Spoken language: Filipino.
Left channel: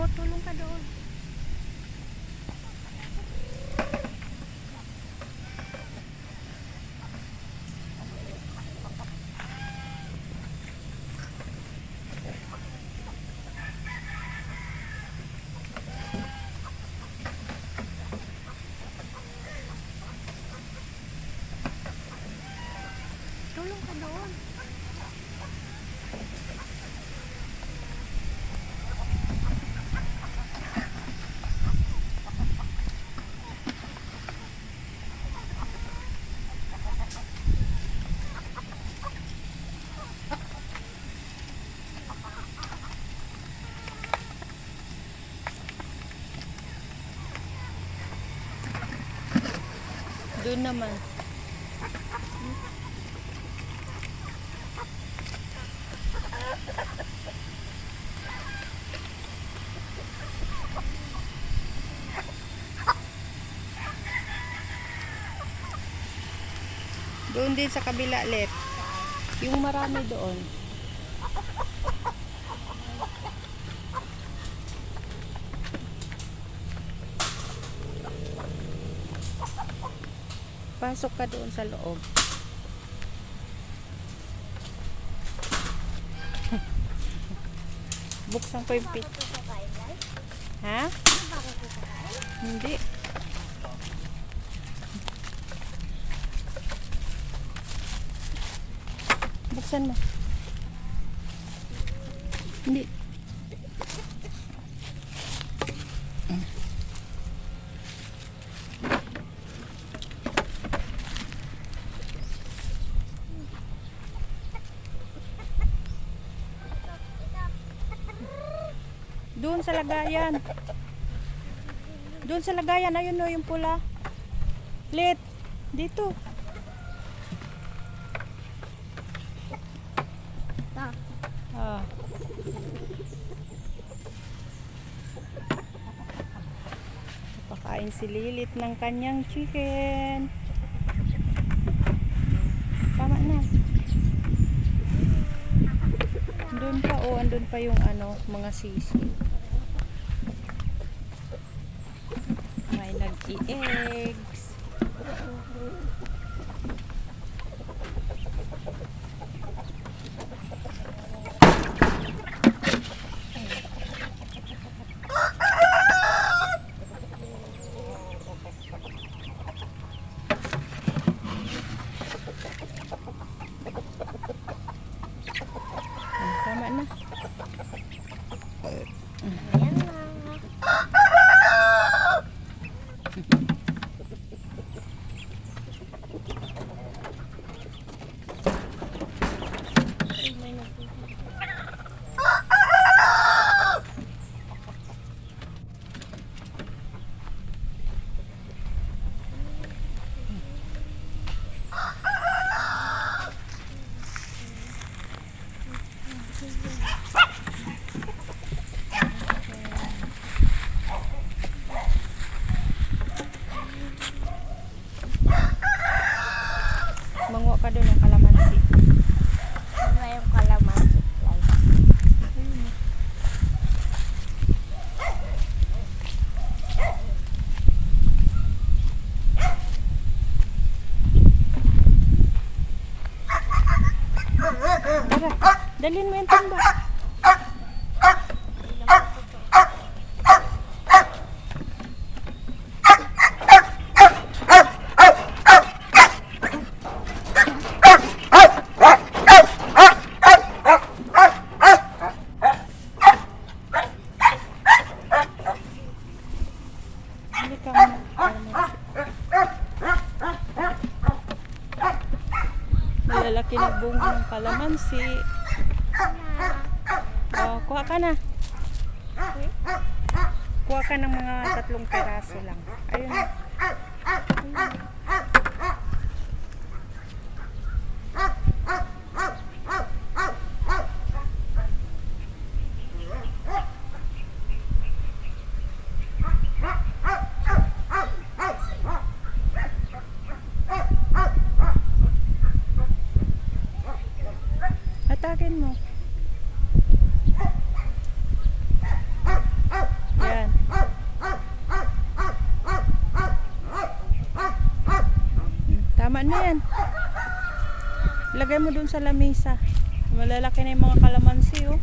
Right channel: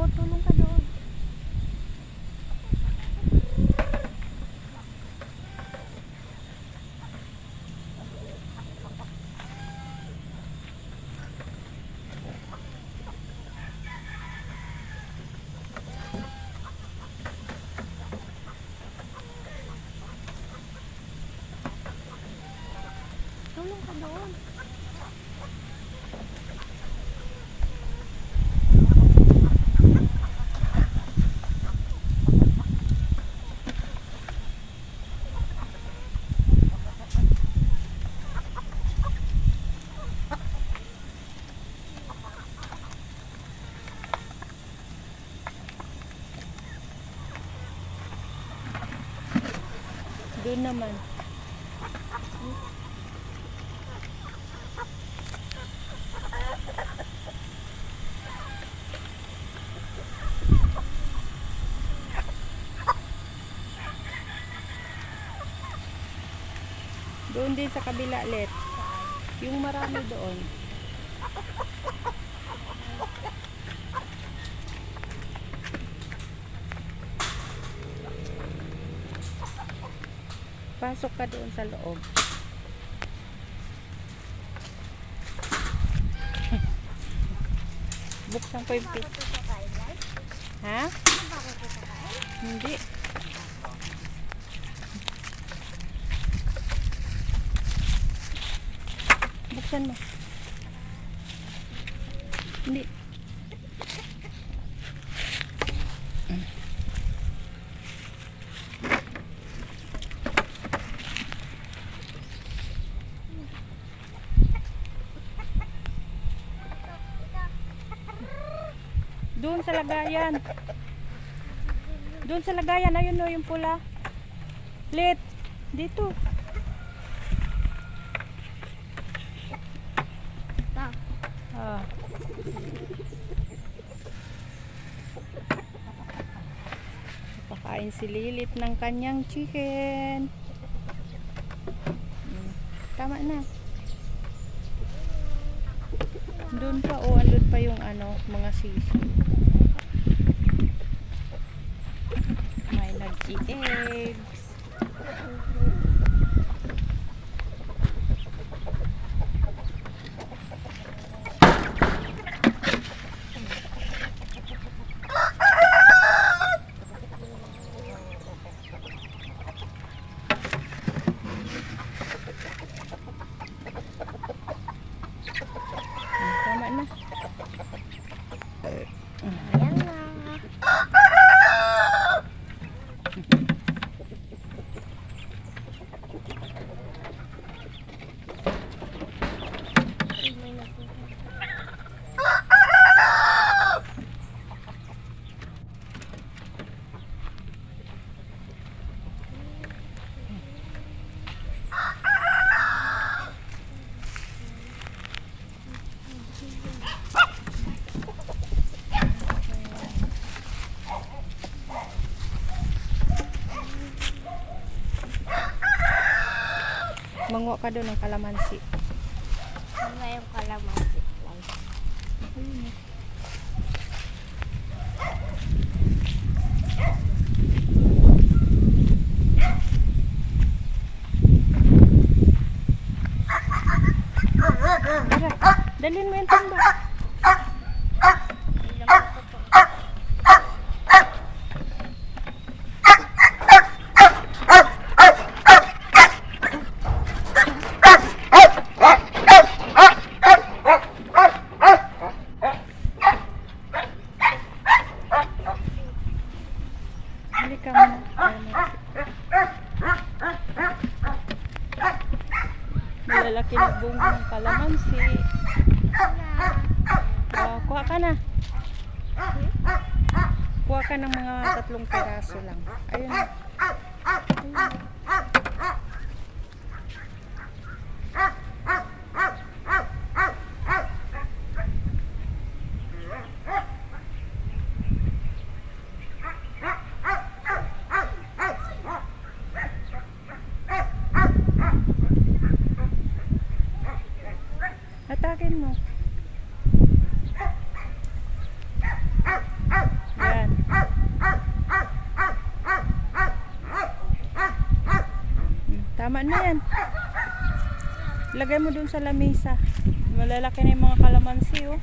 O, tulong ka doon. Tulong ka doon. Doon naman. Doon din sa kabila, left. Yung marami doon. Pasok ka doon sa loob. Buksan ko yung pit. Ha? Hindi. Buksan mo. Hindi. Doon sa lagayan. Doon sa lagayan. Ayun no, yung pula. Lit. Dito. Ah. Pakain si Lilit ng kanyang chicken. Tama na. Doon pa, oh, andun pa yung ano, mga sisi. May nag-i-eggs. Tama na. Ayan na. May nagpupunta. Manguha ka doon ng kalamansi. Ano yung kalamansi? Tara, dalhin mo yung tamba. Hindi ka muna. Malalaki na bunga ng kalamansi. Kuha ka na. Kuha ka ng mga 3 piraso lang. Ayun. Ayun. Hatakin mo. Tama na yan. Lagay mo dun sa lamesa. Malalaki na yung mga kalamansi, oh.